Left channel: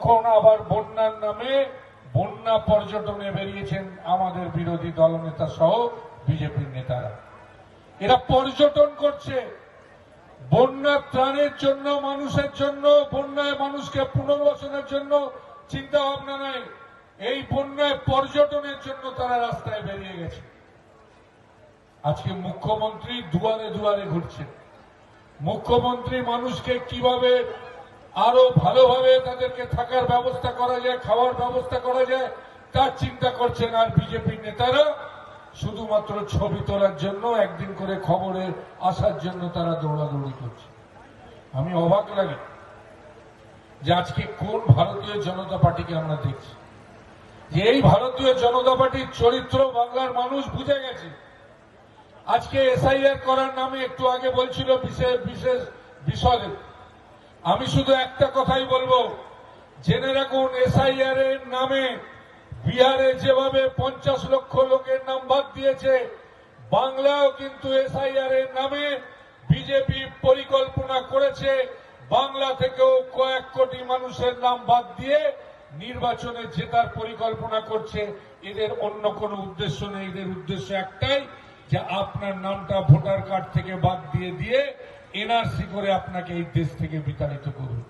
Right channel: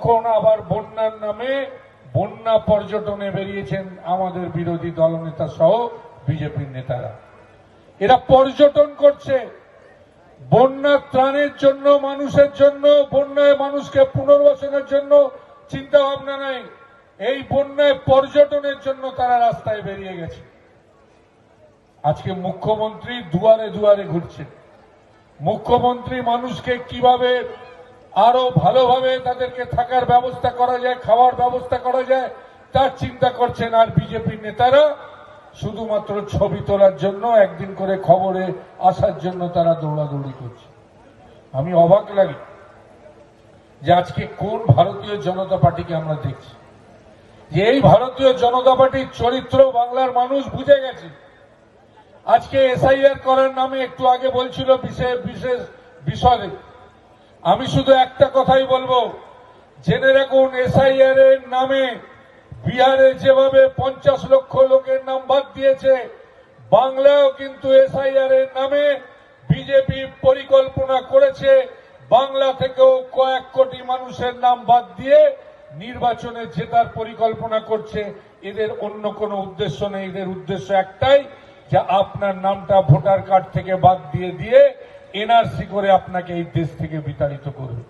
এখন আবার বন্যার নামে বন্যা পর্যটনে বেরিয়েছেন আমাদের বিরোধী দলনেতা সহ বিজেপির নেতারা। এরা পর্যটন করছে। বন্যার ত্রাণের জন্য, মানুষের জন্য, বন্যায় মানুষকে পুনর্বাসনের জন্য চিন্তা ভাবনা নেই। এই বন্যায় পর্যটনের জন্য তারা রাস্তায় বেরিয়ে গেছে। আজকে মুখ্যমন্ত্রী দুয়ারে দুয়ারে ঘুরছেন। মুখ্যমন্ত্রী মানুষকে কীভাবে আরও ভালোভাবে তাদেরকে থাকার ব্যবস্থা করা যায়, খাওয়ার ব্যবস্থা করা যায়, তার চিন্তা করছেন আর বিজেপি নেতারা। শুধুমাত্র ছবি তোলার জন্য, একদিন করে খবরে আসার জন্য তারা দৌড়াদৌড়ি করছে। আমি অবাক লাগে যে আজকে কোন ভারতীয় জনতা পার্টিকে আমরা দেখছি। যে এই ভারতীয় জনতা পার্টির চরিত্র বাংলার মানুষ বুঝে গেছে। আজকে এসআইআর করার নামে একটু আগে বলছিল বিশেষ বিশেষ বিষয়ে আমি শুধু একটা কথাই বলব। জেনে রাখুন এসআইআর এর নামে বিহারে যেভাবে পঞ্চাশ লক্ষ লোকের নাম বাদ দিয়েছে, বাংলায়ও কিন্তু এসআইআর এর নামে বিজেপি পরিকল্পনা করেছে, বাংলা থেকেও কয়েক কোটি মানুষের নাম বাদ দিয়ে নির্বাচনে জেতার পরিকল্পনা করছে। এদের অন্য কোনো উদ্দেশ্য নেই, এদের উদ্দেশ্য একটাই যে আপনার নামটা ভোটার কার্ড থেকে বাদ দিয়ে দিয়ে এনআরসি করে আপনাকে এই দেশ থেকে বিতাড়িত করবে।